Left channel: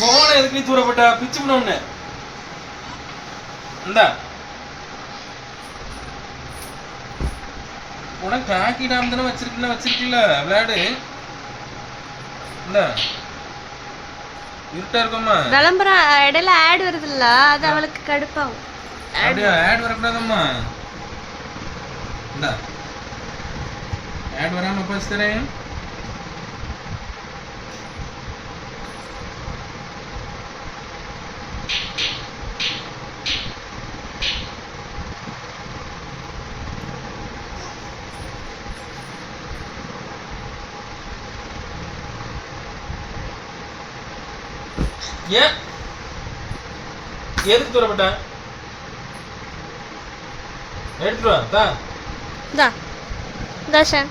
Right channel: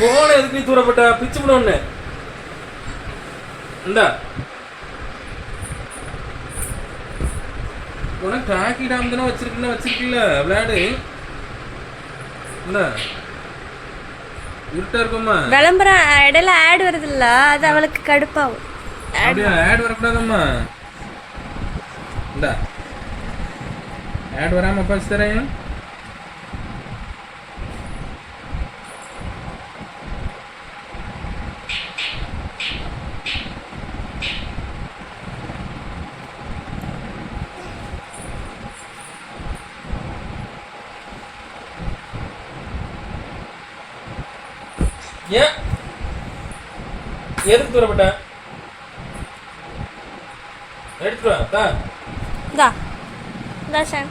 போன எதுக்கு தூரப்பட்ட? பிச்சு விட ஒண்ணு இந்தா. உனக்கு டாக்கி டாம் தானே வச்சிருக்கல வச்சிருக்கல விளையாடு. இருட்டா இருக்கம்மா. விளம்பரம் இடையில ஆட் வருதுல்ல அது அவளுக்கு கடுப்பாகும். ஆட் வரக்கூடாதம்மா. இந்தா. ஆட் வராம பச்சு தரேன். ஏன்? எதுக்கு தூரப்பட்ட எடுத்துட்டு வா தா. இந்தா ஷான்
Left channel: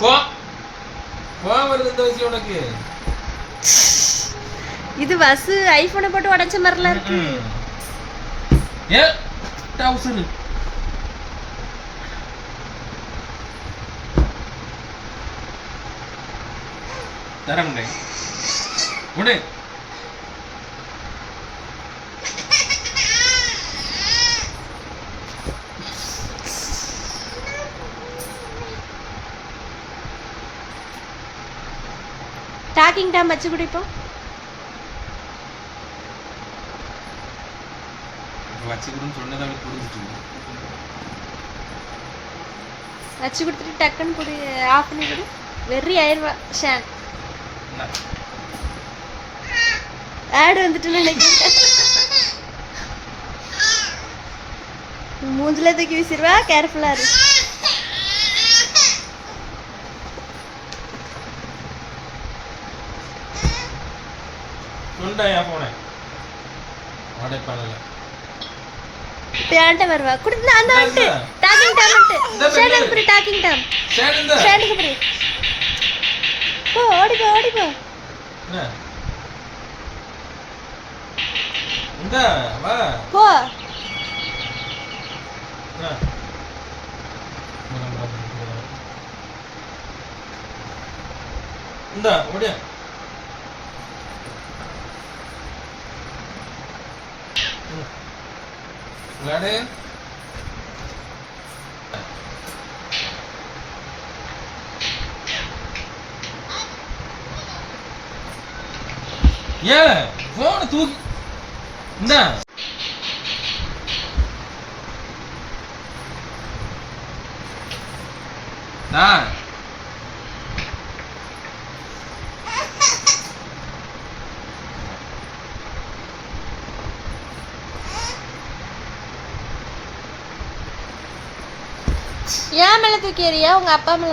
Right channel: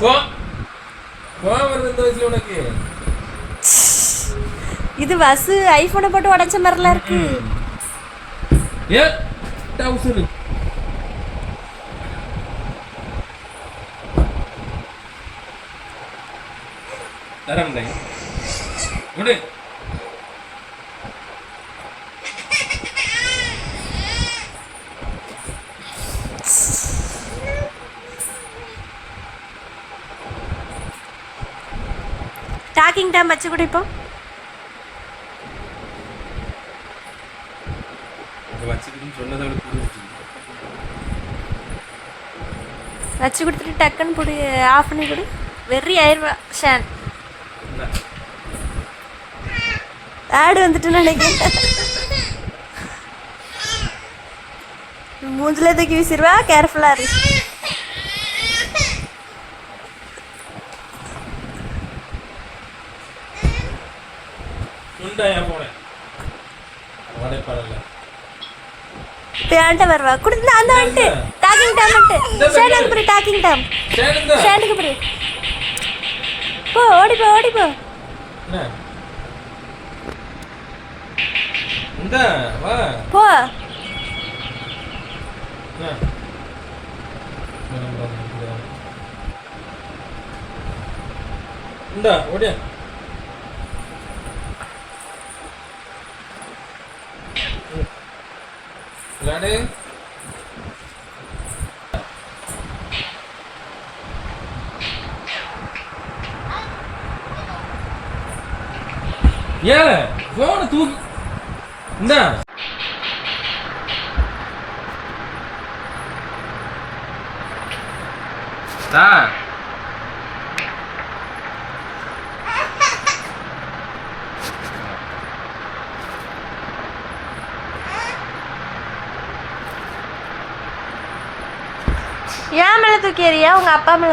கோ. கோவம் வருது இந்த வயசுல உனக்கு. இது வசு ஐபோனை போட்டு உடைச்ச மாதிரிலாம் இருக்கு. ஏ டவுசர். தரம் விடு. டாக்கிங் டைம் வச்சு கூட இப்போ வச்சு கொடுத்துட்டு டக்குன்னு போடு ஆஃப் பண்ணி கொடு. வெறி ஆயிடுவா ஷான் இந்தா. ஆடு வந்துட்டு நினைக்கிறேன். மூஞ்சில தூக்கி வீசிடுவா கேர்ஃபுல்லாக இரு. என்கிட்ட வருவா? கொடுத்து அந்த வந்துட்டு டாக்கிங் டைம் வந்துட்டு ஷேனுக்கு போய் டாக்கிங் டைம் ஷேனுக்கு போய் போ ஓடி போ ஓடி போ. இந்த போ. இந்தா ஓடியா. விளையாடு ஏன் போன தூக்கி இந்தா தா ஏன் மேலே தூக்கி எறியா உங்கள் அப்பா மேலே